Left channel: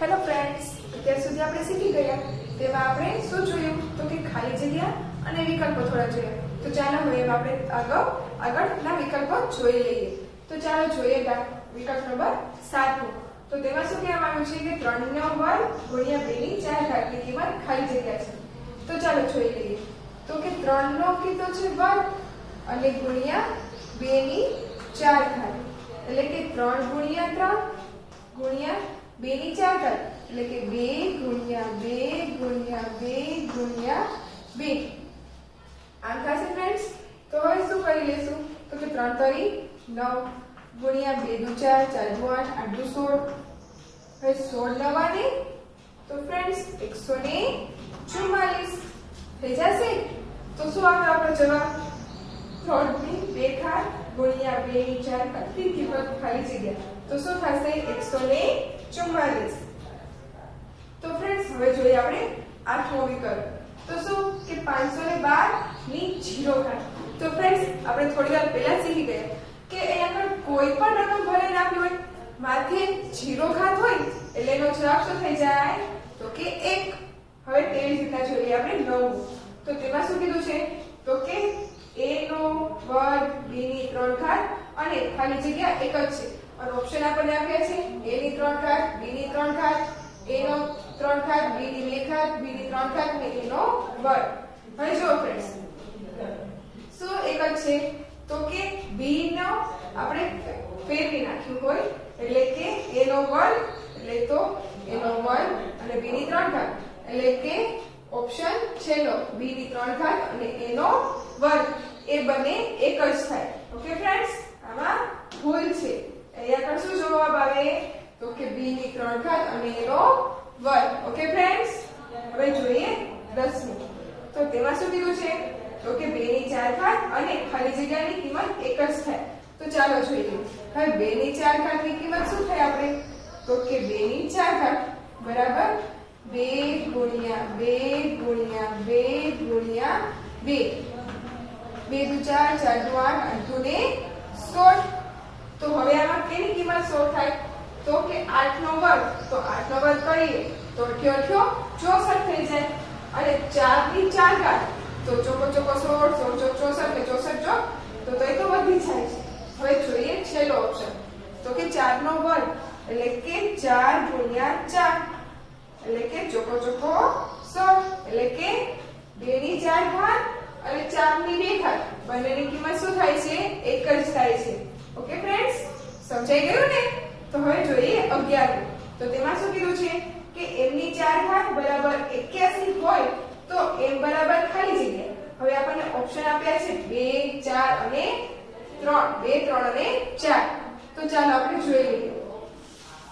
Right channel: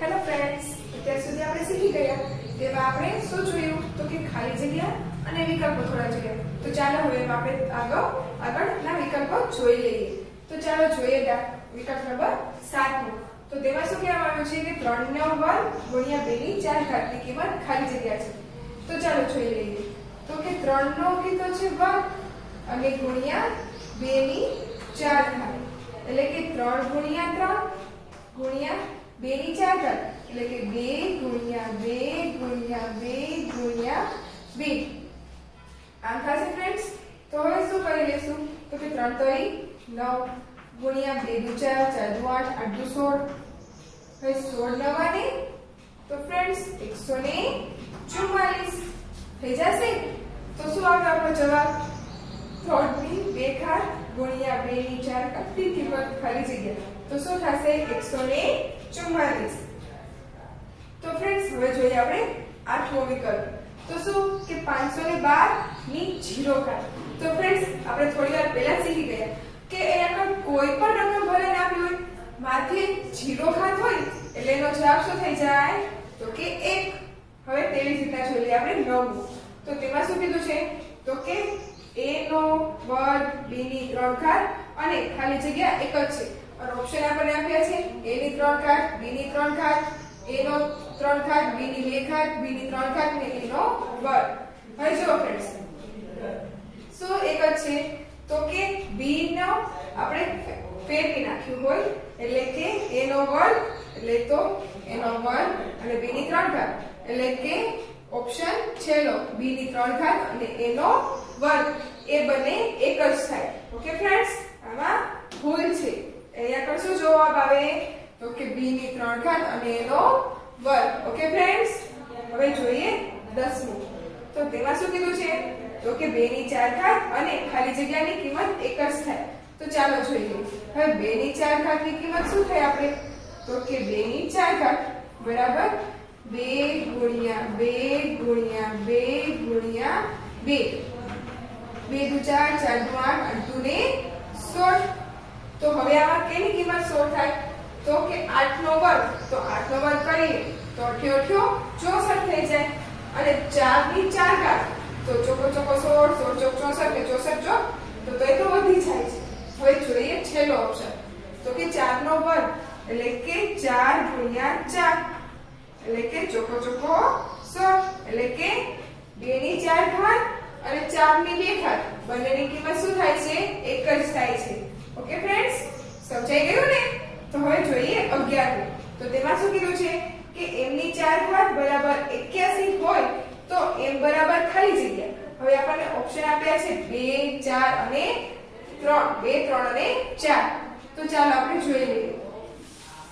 Hello friends, અત્યાર સુધી આપણે શીખી ગયા તેમાં આપણે શું જોયું તો કે ખાલી જગ્યા અને વિકલ્પો થોડા જોયા. તો ચાલો હવે આપણે આગળના વિકલ્પો જોઈ લઈએ. તો ચાલો જોઈએ વિકલ્પ નંબર 7. તો તેમાં શું કહેવામાં આવ્યું છે કે 3 નો વર્ગ ગુણ્યા 2 ની 4 ઘાતની કિંમત ખાલી જગ્યા છે. તો ચાલો જોઈ લઈએ. તો કે 3 નો કીધો છે વર્ગ અને ગુણ્યા 2 ની 4 ઘાત, એટલે કે 3 ગુણ્યા 3 ગુણ્યા 2 ની 4 ઘાત, એટલે કે 2 ગુણ્યા 2 ગુણ્યા 2 ગુણ્યા 2. આમ થશે ફ્રેન્ડ્સ. તો હવે શું કરી લેશું તો કે 3 તરી 9 ગુણ્યા 2 દુ 4 4 દુ 8 8 દુ 16. હવે 16 નવાને તો ફ્રેન્ડ્સ 144 થઈ જશે. તો શું આવે આપણો જવાબ? 3 ની 2 ઘાત ગુણ્યા 2 ની 4 ઘાતની કિંમત ખાલી જગ્યા. તો શું થશે? 144. તો ફ્રેન્ડ્સ હવે જોઈએ આપણે 8મો વિકલ્પ. તો શું કે 512 ની 0 ઘાત. તો ફ્રેન્ડ્સ આપણે થોડી વાર પહેલા શીખી ગયા કે એના કોઈ પણ રકમ ભલે નાખી હોય, માથે 0 ઘાત હોય એટલે એનો જવાબ શું થઈ જાય તો કે 1. હવે તેવી રીતના જોઈએ આપણે 9. તો તેમાં શું કીધું છે તો કે a નો વર્ગ b ની 3 ઘાત અને ખાલી જગ્યા 1 જ છે. અને ઓપ્શન આપણને આપ્યા છે a ની 3 ઘાત b ની 3 ઘાત a નો 3 ઘાત b ની 2 ઘાત b ની 3 ઘાત અને a નો વર્ગ. હવે જો ફ્રેન્ડ્સ શું 1 જ છે તો કે b નો આપણે ફેરવી નાખ્યું હોય એટલે કે a નો વર્ગ એટલે તો a નો વર્ગ અને b ની 3 ઘાત એટલે કે ઓપ્શન છેલ્લો b ની 3 ઘાત અને a નો વર્ગ એ બંને એક જ થાય. ઓકે ફ્રેન્ડ્સ, આમાં ભૂલ છે. અહીંયા પર શું જવાબ આવે તો કે b ની 3 ઘાત અને a નો વર્ગ. ઓકે ફ્રેન્ડ્સ, હવે જોઈએ 10મું. તો તેમાં શું કીધું છે તો કે 2 ની 4 ઘાત અને ખાલી જગ્યાની કિંમત એક જ થાય. તો ચાલો જોઈએ. હવે 2 ની 4 ઘાતની કિંમત શું થાય આપણે તો કે 2 ની 4 ઘાત બરાબર 2 ગુણ્યા 2 ગુણ્યા 2 ગુણ્યા 2. 2 દુ 4 4 દુ 8 8 દુ ને 16. તો હવે આમાં કેની કિંમત 16 થાય તો કે 8 નો વર્ગ. તો 8 નો વર્ગ કરીએ તો 8 64 થઈ જાય. અને 4 ની 4 ઘાત તો ચોકો ચોકો 16 16 ચોક 64 ને 64 ચોક તો એ તો વધી જાય છે. હવે જોઈએ છેલ્લો ઓપ્શન તો કે 4 નો વર્ગ એટલે કે 4 ગુણ્યા 4 એટલે કે ચોકો ચોકો 16 એટલે કે 2 ની 4 ઘાત અને 4 ની 2 ઘાત બંનેની કિંમત શું થાય છે? એક જ થાય છે. ઓકે ફ્રેન્ડ્સ, સમજાઈ ગયું ને? તો હવે જોઈએ 11. તો તેમાં શું કીધું છે કે m ની 4 ઘાત બરાબર 81 હોય તો m બરાબર ખાલી જગ્યા. હવે આપણને ઓપ્શન આપ્યા છે 2 4 અને 3. 2 3 અને 4. તો ચાલો આપણે જોઈ લઈએ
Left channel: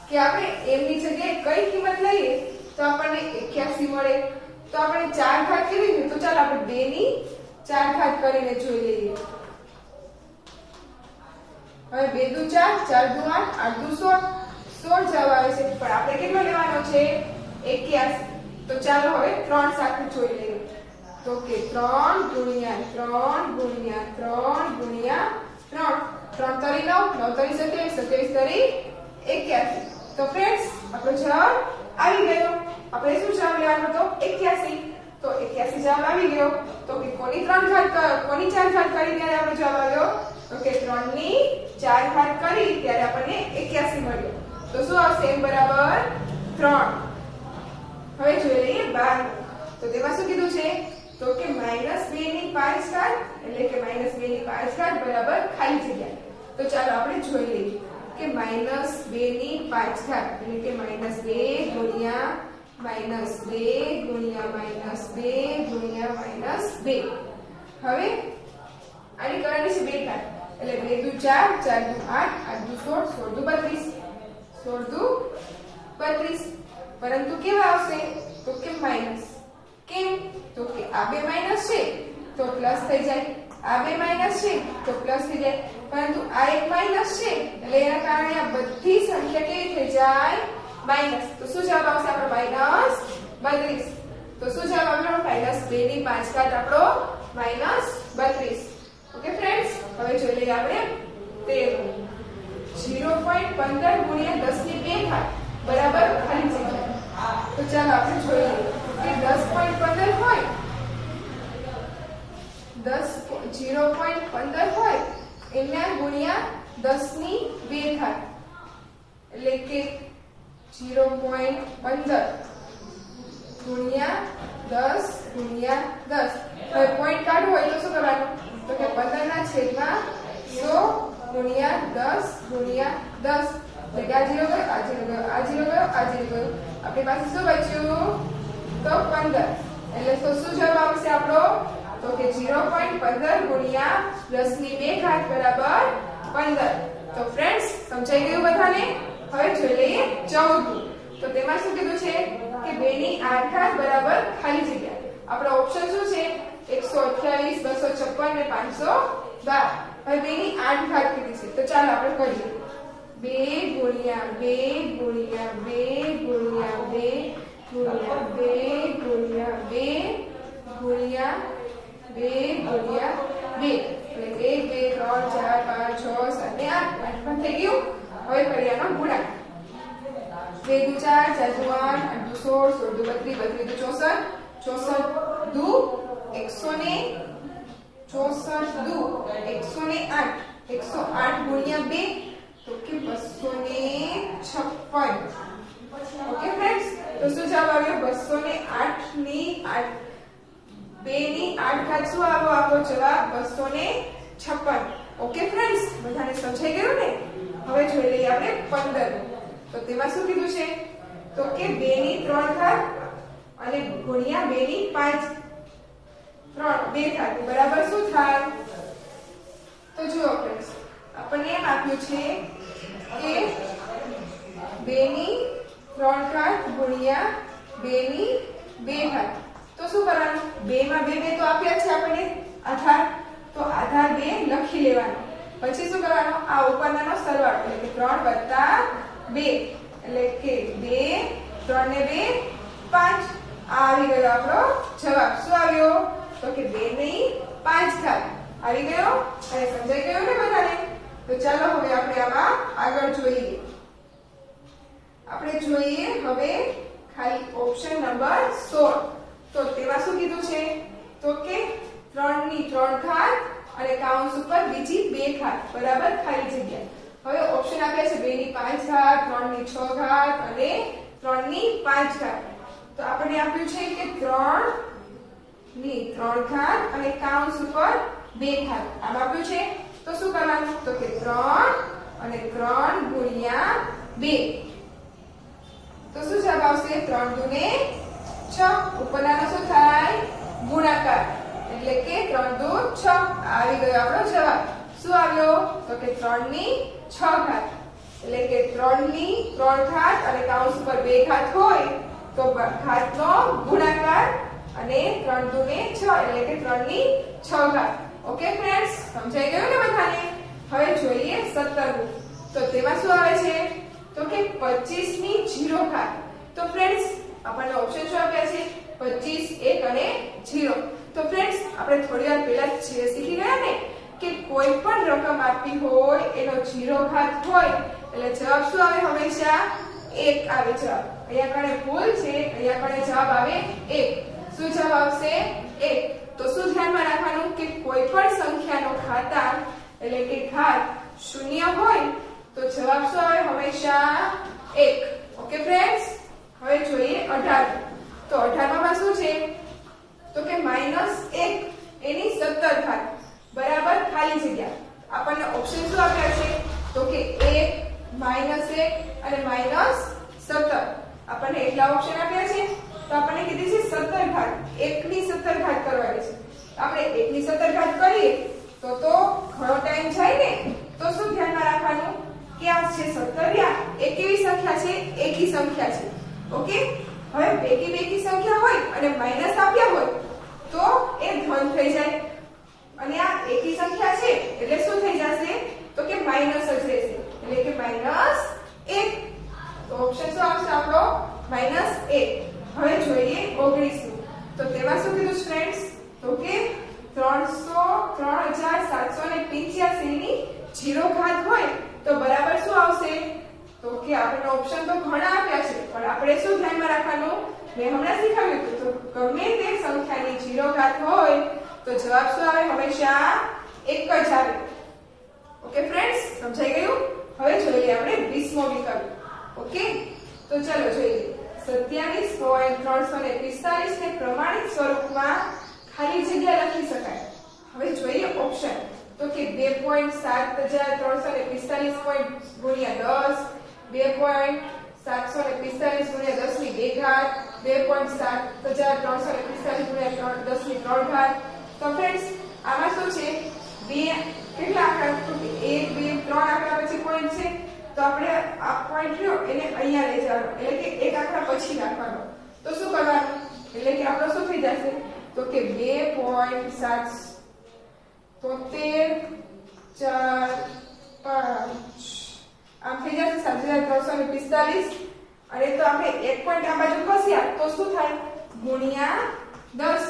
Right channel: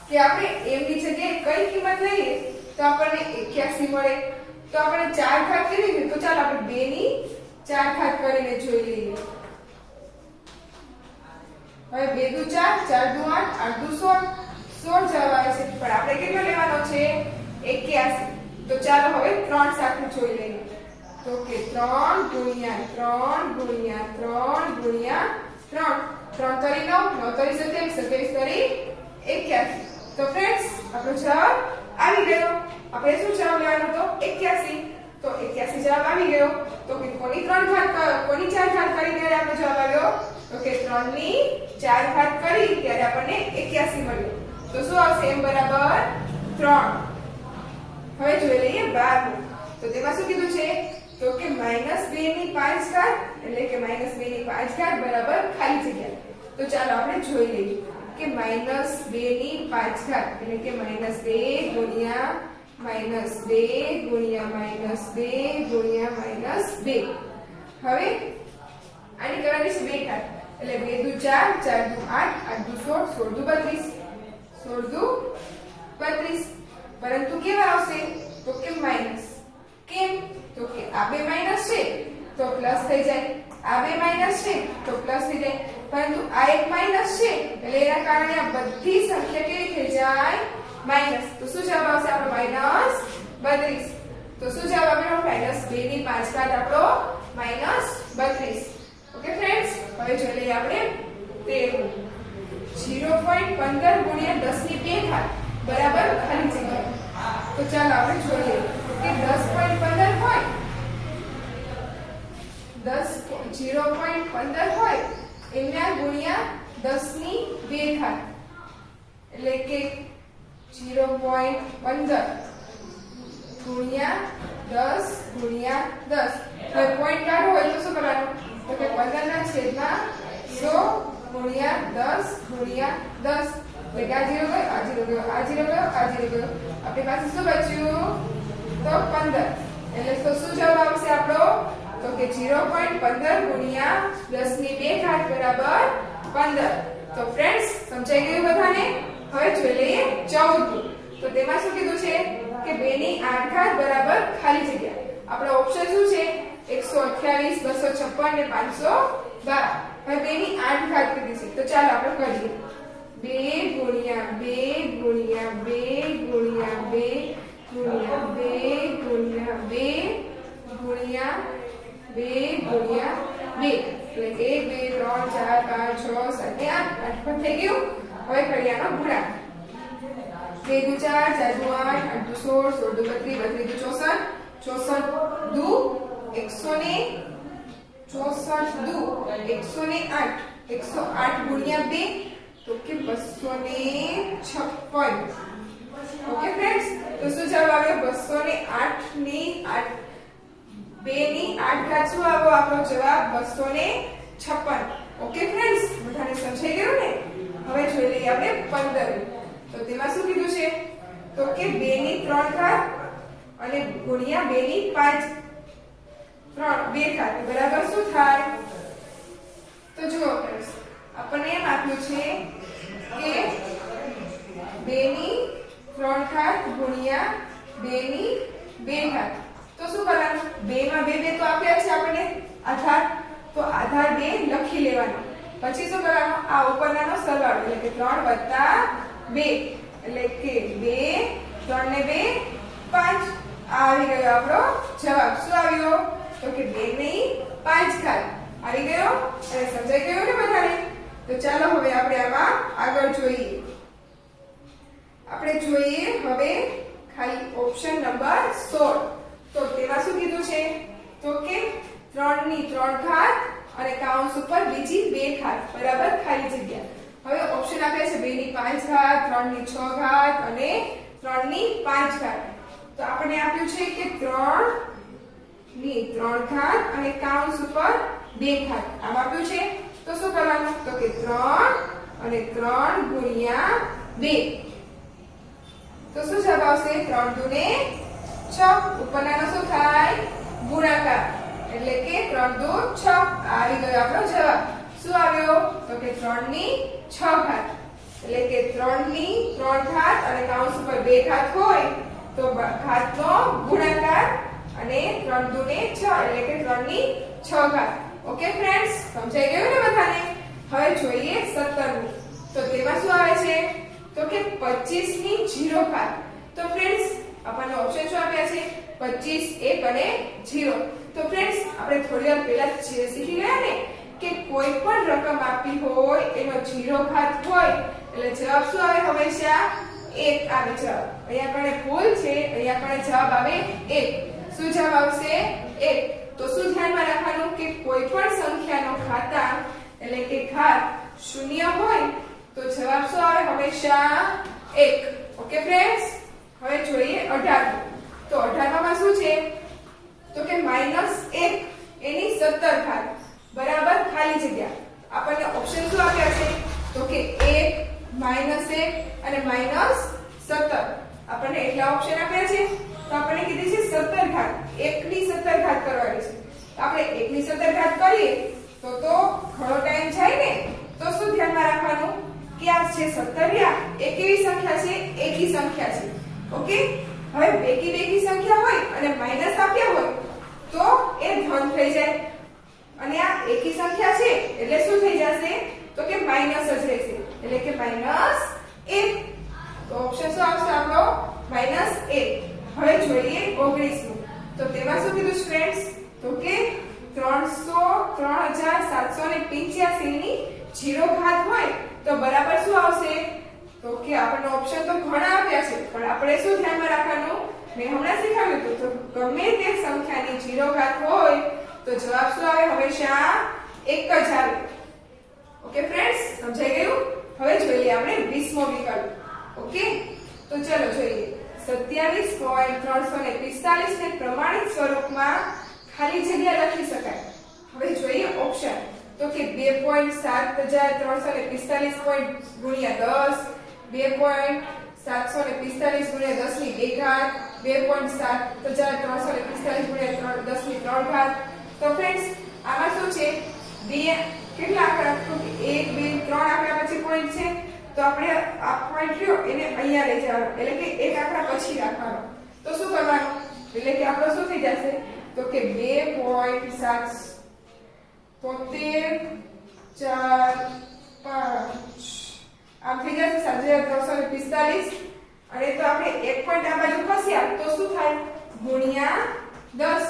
કે આપણે m ની જગ્યાએ કઈ કિંમત લઈએ તો આપણને 81 મળે. તો આપણે 4 ઘાત કરવી છે તો ચાલો આપણે 2 ની 4 ઘાત કરીને જોઈ લઈએ. હવે 2 દુ 4 4 દુ 8 8 દુ 16 16 જવાબ આવે છે. પણ આપણે કેટલો લેવાનો છે? 81. તો ચાલો હવે 3 સાથે જોઈ લઈએ. તો કે 3 ગુણ્યા 3 ગુણ્યા 3 ગુણ્યા 3. 3 તરી 9 9 તરી 27 27 તરી 81. તો ફ્રેન્ડ્સ આપણો જવાબ આવી ગયો. આપણે શું જવાબ લેવાનો હતો? 81. તો 81 જવાબ આવી ગયો. તો કે કોની 3 ઘાત કોની 4 ઘાત કરી ત્યારે આપણો જવાબ આવ્યો તો કે 3 ની 4 ઘાત કરી ત્યારે આપણને 81 મળ્યો. તો શું આવશે? m બરાબર 3. હવે જોઈ લઈએ 12. તો તેમાં શું કીધું છે તો કે -2 ની 5 ઘાત એટલે કે -2 ની 5 ઘાત બરાબર ખાલી જગ્યા. તો ચાલો આપણે જોઈ લઈએ કે -2 ની 5 ઘાત એટલે કે -2 ગુણ્યા -2 ગુણ્યા -2 ગુણ્યા -2. હવે આની કરવાની છે 2 ઘાત એટલે 2 દુ 4 4 દુ 8 8 દુ 16 16 દુ 32 16 દુ 32. પરંતુ કેવા આવશે તો કે માઈનસ. કેમ તો કે આ બે માઈનસ છે તો પ્લસ થઈ જાય, આ બે માઈનસ છે તો પ્લસ થઈ જાય. પરંતુ આ એક માઈનસ છે એટલે એના કારણે આ બધી સંખ્યા કેવી થઈ જાય? માઈનસ. તો શું જવાબ આવશે આપણો? -32. તો શું જવાબ આપણો? -2 ની 5 ઘાત આપણો -32. ઓકે ફ્રેન્ડ્સ, હવે જોઈ લઈએ આપણે 13. 0.15 ગુણ્યા 10 ની 2 ઘાત બરાબર ખાલી જગ્યા. તો ચાલો આપણે જોઈએ કે 10.15 હોય 0.15 હોય એના ગુણ્યા 10 ની 2 ઘાત એટલે કે 0.15 ગુણ્યા 10 ગુણ્યા 10. હવે પોઈન્ટ કાઢવો હોય તો શું કરવાનું? તો કે 15 ના છેદમાં 100 ગુણ્યા 10 ગુણ્યા 10 એટલે કે આ 0 ગયો, આ 0 ગયો, આ 0 ગયો, આ 0 ગયો. આપણી પાસે શું બચ્યું? તો 15. એટલે તો શું જવાબ આવશે આપણો? તો કે 0.15 ગુણ્યા 10 ની 2 ઘાત બરાબર 15. તો ફ્રેન્ડ્સ સમજાઈ ગયું બધાને? હવે જોઈ લઈએ 14. તો તેમાં શું કીધું છે કે 2 ની 8 ઘાત બરાબર ખાલી જગ્યા. આપણો ઓપ્શન શું છે? 128, 256 ને 512. હવે 2 ની 8 ઘાત કીધી છે. તો ચાલો આપણે કરીએ. 2 ગુણ્યા 2 ગુણ્યા 2 ગુણ્યા 2 ગુણ્યા 2 ગુણ્યા 2 ગુણ્યા 2 ગુણ્યા 2 એટલે 1 2 3 4 5 6 7 8 8 પણ થઈ ગયું. હવે કરીએ આનો ગુણાકાર. 2 દુ 4 4 દુ 8 8 દુ 16 16 દુ 32 32 દુ 64 64 દુ 164 દુ 108 108 ગુણ્યા 2 તો કે 256. ઓકે ફ્રેન્ડ્સ, તો શું જવાબ આવ્યો? 208 ની 8 2 ની 8 ઘાત શું આવ્યો? આપણો જવાબ 256. ઓકે ફ્રેન્ડ્સ, બધાને સમજાઈ ગયું ને? હવે જોઈ લઈએ આપણે 15. તો તેમાં શું કીધું છે? તો કે 2 ની 3 ઘાત અને ગુણ્યા 2 ની 5 2 ઘાત બરાબર શું થાય? તો જુઓ ફ્રેન્ડ્સ, આપણને એમ આપ્યું છે કે 2 ની 3 ઘાત ગુણ્યા 2 ની 2 ઘાત. તો શું કરવાનું? 2 માં 2 2 તો આપ્યા છે આપણને આધાર, તો આધાર 2 લખી લેવાનો. પછી શું કરવાનું? આ ઉપરનાનો સરવાળો એટલે કે 3 વત્તા 2 એટલે કે 2 3 ને 2 5. આવી ગયો આપણો જવાબ. શું આવ્યો? તો કે 2 ની 5 ઘાત આવી ગયો. અને સમજાઈ ગયું ને બધાને? તો ચાલો હવે આપણે આમાં આગળ જોઈએ. આપણે જોઈએ હવે ખાલી ઓપ્શન નંબર 16. તો તેમાં શું કીધું છે? તો કે 3 ની 3 ઘાત અને કાઉન્સ ઉપર બીજી 2 ઘાત બરાબર ખાલી જગ્યા. હવે ઓપ્શન આપ્યા છે 2 ની 5 ઘાત 3 ની 6 ઘાત અને 3 ની 5 ઘાત. તો આપણને આપ્યું છે કે 3 ની 3 ઘાત અને કાઉન્સ ઉપર 2 ઘાત આમ આપ્યું છે. તો શું કરવાનું? તો કે 3 અને 3 ગુણ્યા 2. તો શું જવાબ આવશે? 3 દુ ને 6. ઉપરનાનો શું થાય? ગુણાકાર એટલે કે 3 દુ 6. આવી ગયો આપણો જવાબ. શું આવ્યો? તો કે 3 ની 6 ઘાત એટલે કે 3 ની 3 ઘાત અને કાઉન્સ ઉપર 2 ઘાત હોય તો ઘાતનો ગુણાકાર અને 3 દુ ને 6 એટલે કે 3 ની 6 ઘાત. ઓકે ફ્રેન્ડ્સ, સમજાઈ ગયું ને બધાને? હવે જોઈએ 17. તો તેમાં શું આવે છે? તો કે 25 ની 0 ઘાત. તો ફ્રેન્ડ્સ આપણને ઓપ્શન શું આપ્યા છે? 25 1 અને 0. તો ફ્રેન્ડ્સ આપણે થોડી વાર પહેલા શીખી ગયા ને કે કોઈ પણ રકમ આપી હોય એનો 0 ઘાત હોય એટલે જવાબ શું આવે? હંમેશા 1 આવે જવાબ. અહીંયા કણે ભૂલ છે, અહીંયા કણે જવાબ આવે 1. શું જવાબ આવશે? 1. તો શું ધ્યાનમાં રાખવાનું કે કોઈ પણ સંખ્યાનો ઘાતાંક એટલે કે ઘાત 0 હોય તો જવાબ શું આવે? હંમેશા 1. ઓકે ફ્રેન્ડ્સ, હવે જોઈએ 18. તો 18 માં શું છે? તો કે -1 એની 17 ઘાત બરાબર ખાલી જગ્યા. આપણને ઓપ્શન શું આપ્યા છે? તો કે 1 -1 અને -17. આપણને એટલા ઓપ્શન આપ્યા છે. તો આપણને કીધી છે 17 ઘાત. 1 ની 17 ઘાત કરવાની છે. આપણે 1 ની 17 ઘાત કરીએ તો ઘણો ટાઈમ જાય ને. તો શું ધ્યાનમાં રાખવાનું કે આ છે 17 એક એવી સંખ્યા છે, એકી સંખ્યા છે. ઓકે, હવે બેકી સંખ્યા હોય અને માઈનસ આપ્યા હોય તો એ ધન થઈ જાય અને આ એકી સંખ્યા છે એટલે શું થઈ જશે? તો કે માઈનસ જ રહેશે એટલે કે -1. તો ઓપ્શન શું આવશે આપણો? -1. હવે જોઈએ 19. તો તેમાં શું કીધું ફ્રેન્ડ્સ? તો કે 3785 ની 0 ઘાત હોય તો બરાબર શું આવશે? તો કે આપણને ઓપ્શન તો ઘણા આપ્યા છે પણ પણ આપણે શું ધ્યાનમાં રાખવાનું, મેં હમણાં શીખવ્યું હતું, તો ગમે તે સંખ્યાની 0 ઘાત હોય તો જવાબ શું આવે, હંમેશા 1 જ આવે. ઓકે ફ્રેન્ડ્સ, સમજાઈ ગયું? હવે જોઈ લઈએ આપણે 20મો વિકલ્પ. ઓકે, તો ચલો જોઈએ. 27.345 ને પ્રમાણિત સ્વરૂપમાં ખાલી જગ્યા લખી શકાય. હવે જોઈએ ઓપ્શન. તો કે 2.7345 ગુણ્યા 10, 2.745 ગુણ્યા 10 ની 2 ઘાત, 2.7345 ગુણ્યા 10 ની 3 ઘાત. તો ફ્રેન્ડ્સ આમાં શું છે, બે કેટલા આંકડા, તો 1 2 3 આંકડા પછી પોઈન્ટ છે, તો આપણે આ પોઈન્ટ રહ્યો એને અહીંયા લઈ જવાનો, એટલે કે એક આંકડા પછી રાખવાનો. તો શું કરવાનું, એટલે કે આપણો શું થઈ જશે, તો કે 2.7345 આમ થઈ જશે 7345. અને તો આપણે એક પોઈન્ટ આ બાજુ ખસ્યા તો શું થાય, ગુણ્યા 10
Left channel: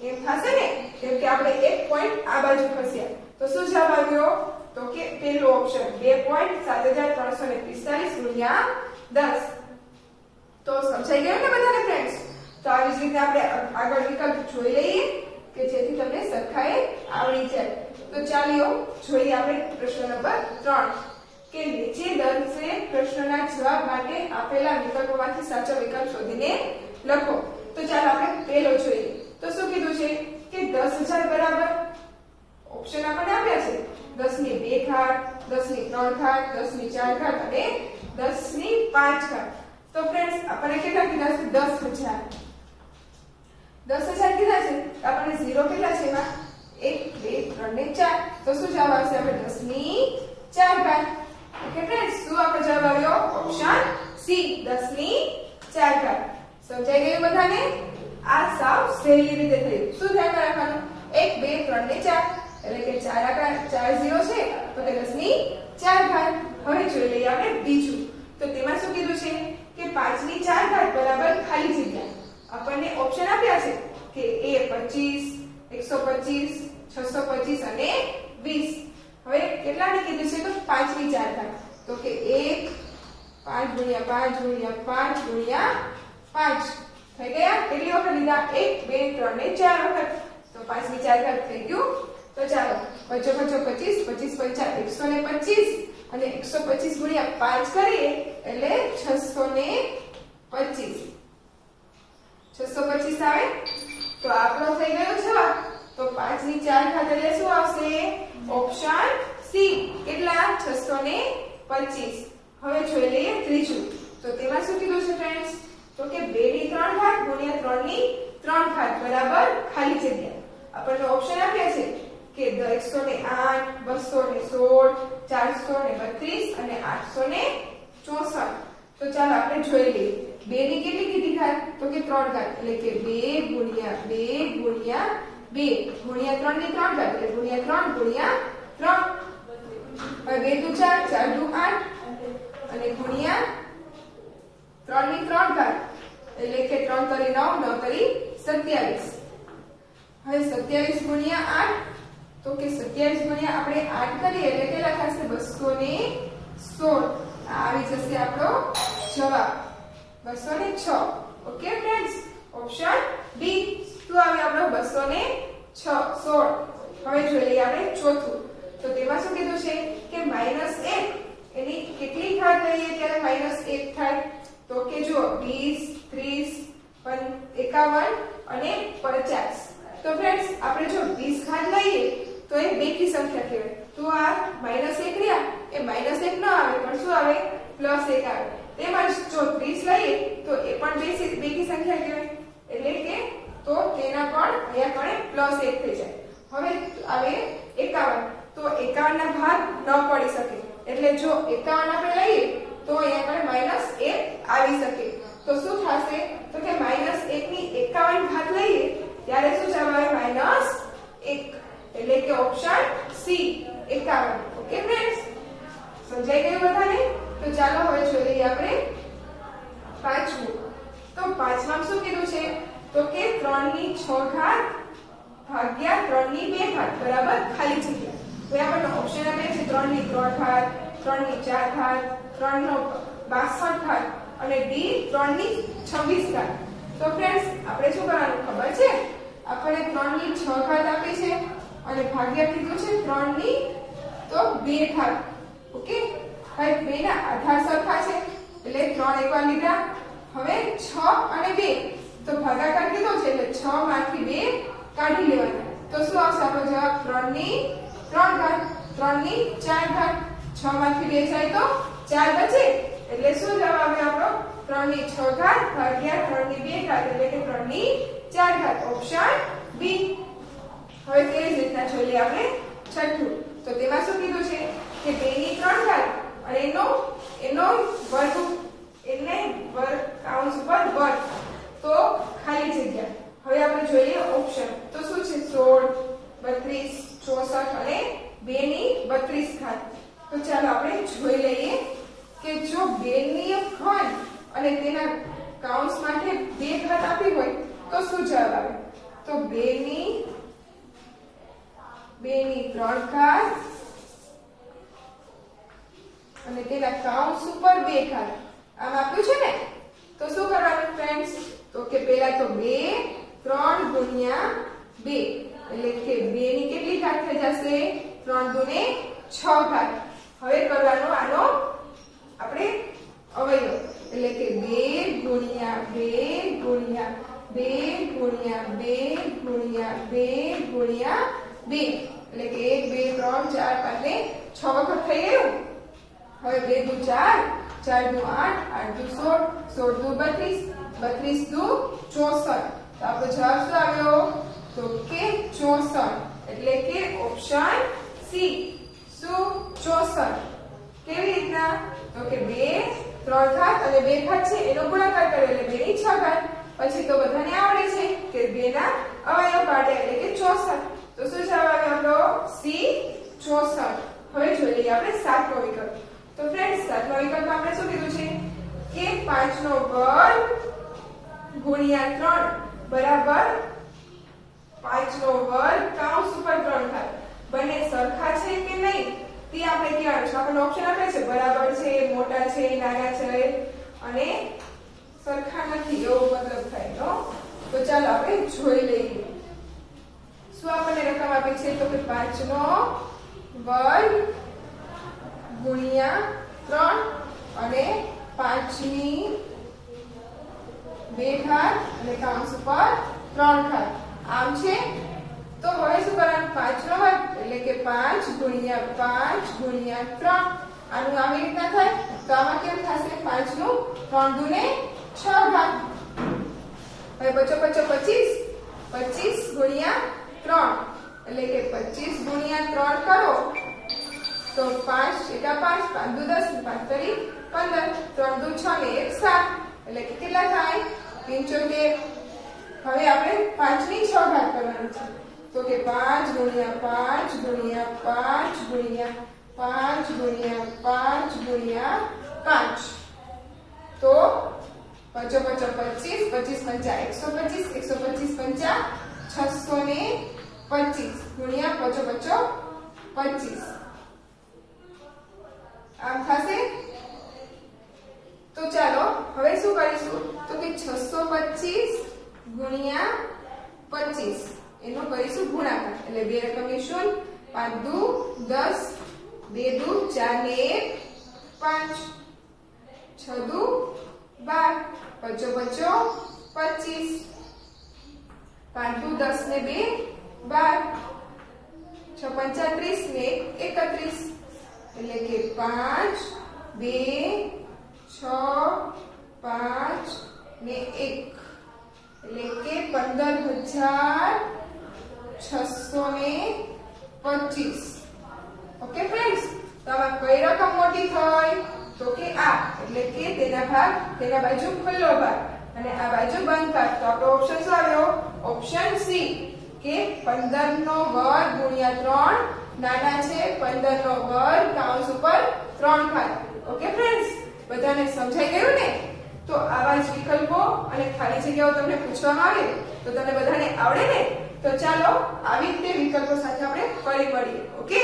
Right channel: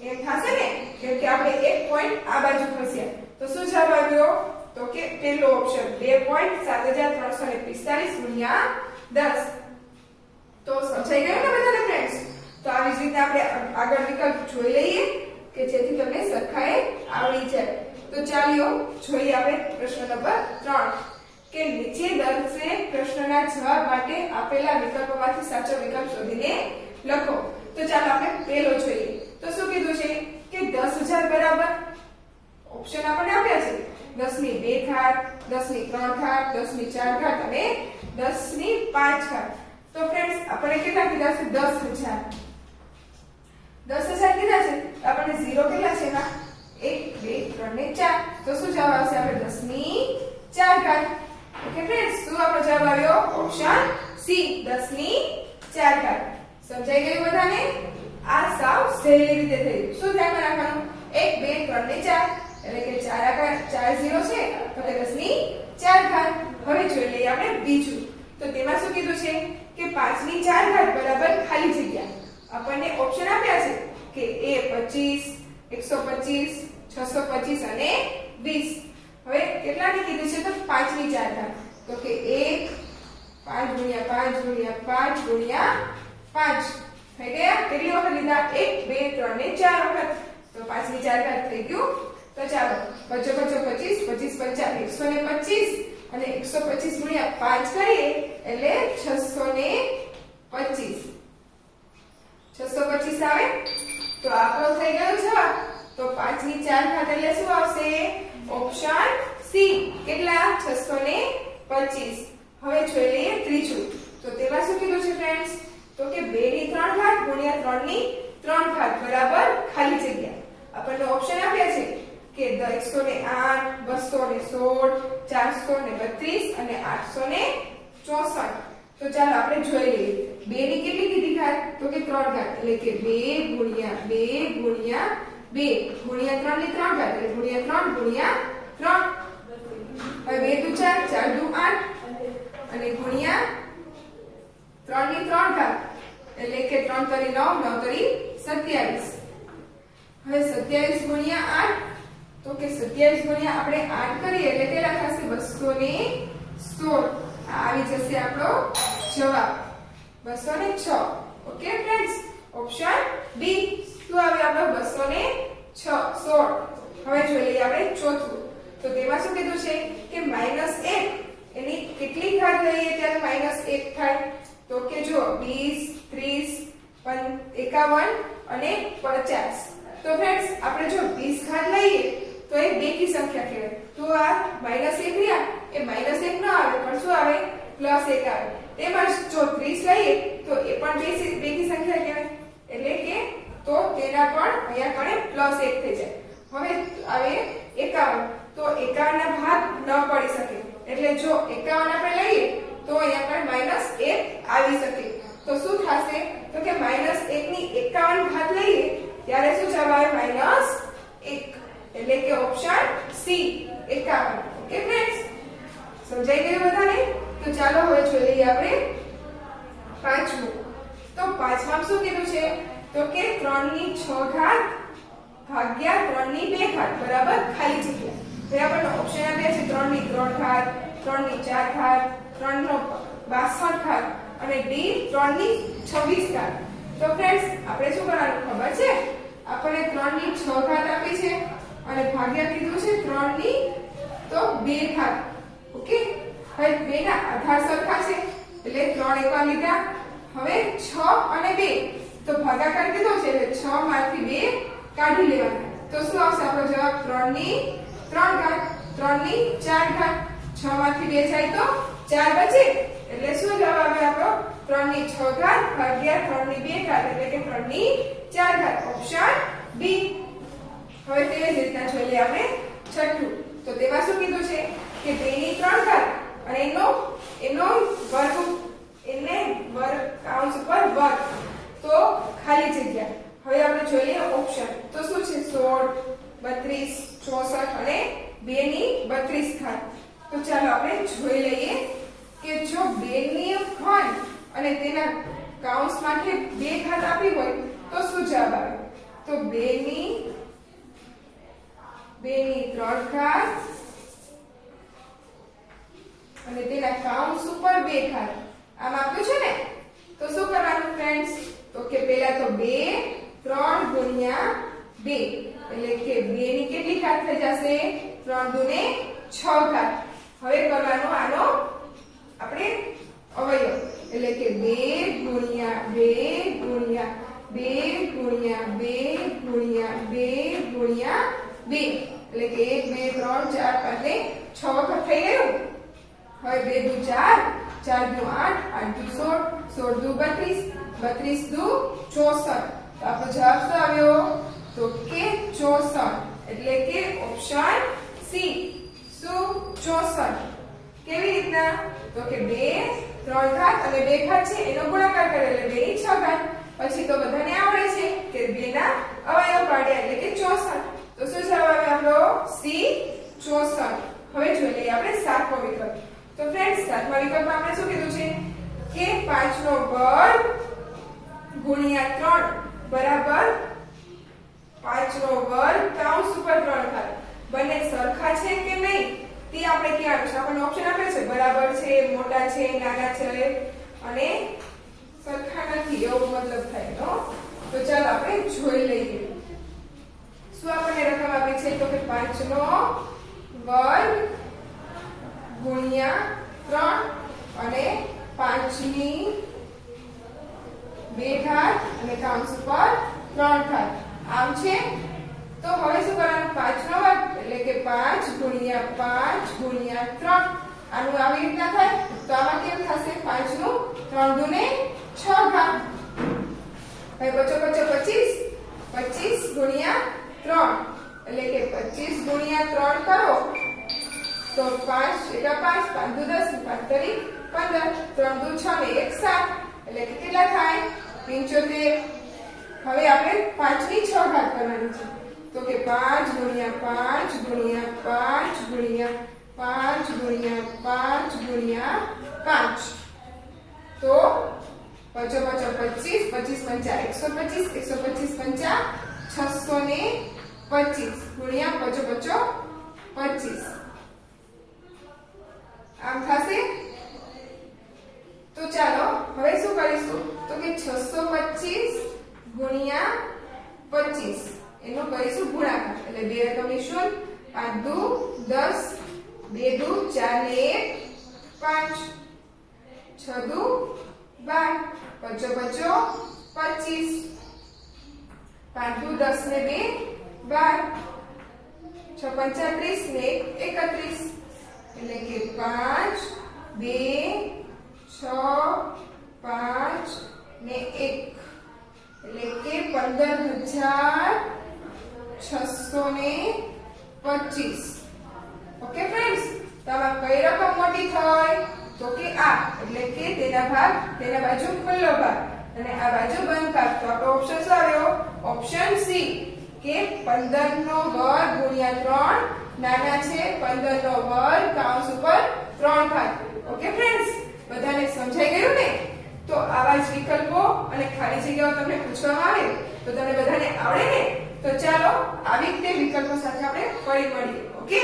એમ થશે ને, કેમ કે આપણે એક પોઈન્ટ આ બાજુ ખસ્યા. તો શું જવાબ આવ્યો, તો કે પહેલો ઓપ્શન 2.7345 ગુણ્યા 10. તો સમજાઈ ગયું ને બધાને ફ્રેન્ડ્સ? તો આવી જ રીતે આપણે આગળ વિકલ્પ જોઈ લઈએ કે જેથી તમને સરખાએ આવડી જાય. તો ચાલો જોઈએ આપણે પ્રશ્ન નંબર 3 કે નીચે દર્શિત પ્રશ્નના જવાબ માટે આપેલા વિકલ્પોમાંથી સાચો વિકલ્પ શોધીને લખો. તો ચાલો આપણે પહેલો જોઈએ. તો શું કીધું છે કે 10000 બરાબર ઓપ્શન આપણને આપ્યા છે 10 ની 2 ઘાત, 10 ની 3 ઘાત, 10 ની 4 ઘાત અને 10 ની 5 ઘાત. તો ફ્રેન્ડ્સ આપણે કેટલા કીધા છે, 10000 કીધા છે, તો આપણે 0 કેટલા છે એમાં 1 2 3 ને 4. તો શું જવાબ આવશે, આપણે 10 ની 4 ઘાત. ઓકે ફ્રેન્ડ્સ, શું આપણો જવાબ આવ્યો, ઓપ્શન સી 10 ની 4 ઘાત. સમજાઈ ગયું બધાને? આ સાવ સહેલી રીતે થયું. શું ધ્યાનમાં રાખવાનું, 1 2 3 ને 4 એટલે કે 4 આંકડા 4 0 છે, તો કે 10 ની 4 ઘાત. હવે જોઈ લઈએ આપણે બીજું. તો તેમાં શું કીધું છે કે 5 ની 4 ઘાત બરાબર ખાલી જગ્યા. આપણને ઓપ્શન આપ્યા છે કે એ 25, 125, 625 અને 20. હવે કેટલાની કીધું છે, તો 5 ની 4 ઘાત. તો કે 1 5 ગુણ્યા 5 ગુણ્યા 5 ગુણ્યા 5 થઈ ગયા. કેટલી વખત લીધા, 1 2 3 ને 4 વખત. તો 5 ની 4 ઘાત થઈ ગયું. તો ચાલો 5 5 25 25 125 અને 125 ગુણ્યા 5 કરીએ એટલે 625 આવે. તો આપણો થઈ ગયો જવાબ. તો 5 ની 4 ઘાત એટલે શું આવશે, ઓપ્શન સી કેટલા, 625. હવે જોઈ લઈએ ત્રીજું. તો તેમાં શું કીધું છે ફ્રેન્ડ્સ, તો કે 2 ની 3 ઘાત ગુણ્યા 3 ની 3 ઘાત બરાબર ખાલી જગ્યા. આપણને ઓપ્શન આપ્યા છે કે 108, 216, 432 અને 864. તો ચાલો આપણે જોઈ લઈએ. 2 ની કેટલી કીધી ઘાત, તો કે 3 ઘાત એટલે કે 2 ગુણ્યા 2 ગુણ્યા 2 ગુણ્યા 3 ની 3 ઘાત એટલે ગુણ્યા 3 ગુણ્યા 3. હવે 2 દુ 4, 4 દુ 8 અને ગુણ્યા 3 ની 3 ઘાત એટલે કે 3 તરી 9, 9 તરી 27. હવે 27 ગુણ્યા 8, તો કે 27 ગુણ્યા આપણે 8 કરીએ એટલે કેટલા થશે, 216. આવી જશે આપણો જવાબ 206. ઓકે ફ્રેન્ડ્સ, ઓપ્શન બી શું આવે આપણો 216. હવે જોઈ લઈએ આપણે ચોથું. તો તેમાં શું કીધું છે કે -1 એની કેટલી ઘાત લઈએ ત્યારે -1 થાય, તો કે જો 20 30 51 અને 50. તો ફ્રેન્ડ્સ આપણે જો 20 ઘાત લઈએ તો એ બેકી સંખ્યા કહેવાય. તો આ -1 રહ્યા એ -1 ન આવે પણ શું આવે, +1 આવે. તેમજ જો 30 લઈએ તો એ પણ બેકી સંખ્યા કહેવાય, એટલે કે તો તેના પણ અહીંયા પણ +1 થઈ જાય. હવે આવે 51. તો 51 ના ભાગ ન પડી શકે, એટલે જો 51 આપણે લઈએ તો અહીંયા પણ -1 આવી શકે. તો શું થશે, તો કે -1 ની 51 ઘાત લઈએ ત્યારે શું જવાબ આવે, -1 એટલે કે ઓપ્શન સી 51. ઓકે ફ્રેન્ડ્સ, સમજાઈ ગયું બધાને? તો ચાલો હવે જોઈ લઈએ આપણે પાંચમું. તો પાંચમાં શું કીધું છે, તો કે 3 ની 6 ઘાત ભાગ્યા 3 ની 2 ઘાત બરાબર ખાલી જગ્યા. તો આપણને ઓપ્શન આપ્યા છે 3 ની 3 ઘાત, 3 ની 4 ઘાત, 3 નો 62 ઘાત અને ડી 3 ની 26 ઘાત. તો ફ્રેન્ડ્સ આપણે શું કરવાનું ખબર છે? આપણે 3 ની 6 ઘાત આપી છે અને ભાગ્યા કીધું છે 3 ની તો 2 ઘાત. ઓકે, હવે બેના આધાર સરખા છે એટલે 3 એકવાર લીધા. હવે 6 અને 2 તો ભાગાકાર કીધો છે એટલે 6 માંથી 2 કાઢી લેવાના. તો શું આવશે આપણો જવાબ? 3 ની 3 ઘાત. 3 ની 4 ઘાત. 6 માંથી 2 જાય તો 4 બચે એટલે શું જવાબ આવે આપણો? 3 ની 6 ઘાત ભાગ્યા 3 ની 2 ઘાત એટલે કે 3 ની 4 ઘાત. Option B. હવે તે જ રીતના જોઈ લઈએ આપણે છઠ્ઠું. તો તેમાં શું કીધું છે કે 2 ની 3 ઘાત અને એનો વર્ગ, એને વર્ગ કૌંસ ઉપર વર્ગ તો ખાલી જગ્યા. હવે આપણે જોઈએ ઓપ્શન. તો શું છે? 16, 32, 64 અને 2 ની 32 ઘાત. તો ચાલો આપણે જોઈ લઈએ કે જો 2 ની ઘન અને તેના કૌંસ માટે 2 ઘાત આપી હોય તો શું જવાબ આવે? તો 2 ની 3 ઘાત અને તેના કૌંસ ઉપર 2 ઘાત આમ આપ્યું છે ને. તો શું કરવાનું ફ્રેન્ડ્સ? તો કે પહેલા તો 2 3 ગુણ્યા 2 એટલે કે 2 ની કેટલી ઘાત થઈ જશે? 3 દુને 6 ઘાત. હવે કરવાનો આનો આપણે અવયવ એટલે કે 2 ગુણ્યા 2 ગુણ્યા 2 ગુણ્યા 2 ગુણ્યા 2 ગુણ્યા 2 એટલે કે 1 2 3 4 5 ને 6 વખત થઈ ગયું. હવે 2 દુ 4, 4 દુ 8, 8 દુ 16, 16 દુ 32, 32 દુ 64. તો આપણો જવાબ શું આવ્યો? તો કે 64 એટલે કે ઓપ્શન સી. શું? 64. કેવી રીતના? તો કે 2 3 ઘાત અને 2 ઘાત છે એનો ગુણાકાર કર્યો એટલે 2 ની 6 ઘાત. પછી તો બધાને આવડે છે કે 2 ના અવયવ કાઢ્યા એટલે કે 64. તો શું જવાબ આવે આપણો? સી 64. હવે જોઈ લઈએ આપણે સાતમો વિકલ્પ. તો ફ્રેન્ડ્સ સાતમા વિકલ્પમાં આપણે શું કીધું છે કે 5 નો વર્ગ ગુણ્યા 3 બરાબર 5 નો વર્ગ કૌંસ ઉપર 3 ઘાત. બંને સરખા છે કે નહીં તે આપણે કહેવાનું છે. આપણને ઓપ્શન આપે છે બરાબર છે, મોટા છે, નાના છે અને સરખા નથી એવો મતલબ થાય તો. તો ચાલો આપણે જોઈ લઈએ શું આપણને રકમ આપી છે. તો કે 5 નો વર્ગ ગુણ્યા 3 અને 5 ની 2 ઘાત અને કૌંસ ઉપર 3 ઘાત આમ છે. તો હવે શું કરવાનું? 5 નો વર્ગ એટલે કે 5 ગુણ્યા 5 ગુણ્યા 3. આનું આવી રીતના થાય તો આમાં કેમ થશે? 5 નું 3 દુને 6 ઘાત. હવે બચો 25, 25 ગુણ્યા 3 એટલે કે 25 ગુણ્યા 3 કરો તો 5 એકા 5, 5 દુ 10, 5 તરી 15, 3 દુ 6 ને 1 7 એટલે કે કેટલા થાય? 75. હવે આપણે 5 ની 6 ઘાત કરવાની છે. તો કે 5 ગુણ્યા 5 ગુણ્યા 5 ગુણ્યા 5 ગુણ્યા 5 ગુણ્યા 5 તો 5 5 25, 25 પંચા 125, 125 પંચા 625 ગુણ્યા 5 5 25 આમ થશે. તો ચાલો હવે શું કરીશું? તો કે 625 ગુણ્યા 25 એનો કરીશું ગુણાકાર એટલે 2 રકમ શૂન્ય, 5 દુ 10, 2 દુ 4 ને 1 5, 6 દુ 12, 5 5 25, 5 દુ 10 ને 2 12, 6 પંચા 30 ને 31 એટલે કે 5 2 6 5 ને 1 એટલે કે 15,625. ઓકે ફ્રેન્ડ્સ, તો આમાં કઈ રકમ મોટી થઈ? તો કે આ એટલે કે તેના બાજુ ખુલ્લો ભાગ અને આ બાજુ બંધ ભાગ. તો આપણો ઓપ્શન શું આવ્યો? ઓપ્શન સી કે 15 નો વર્ગ ગુણ્યા 3 નાના છે 15 નો વર્ગ કૌંસ ઉપર 3 ઘાત. ઓકે ફ્રેન્ડ્સ, બધાને સમજાઈ ગયું ને? તો આવા જ વિકલ્પો અને ખાલી જગ્યાઓ તમને પૂછવામાં આવે તો તમને બધાને આવડે ને? તો ચાલો આવી રીતે વિકલ્પો સાથે આપણે ફરી મળીએ. ઓકે.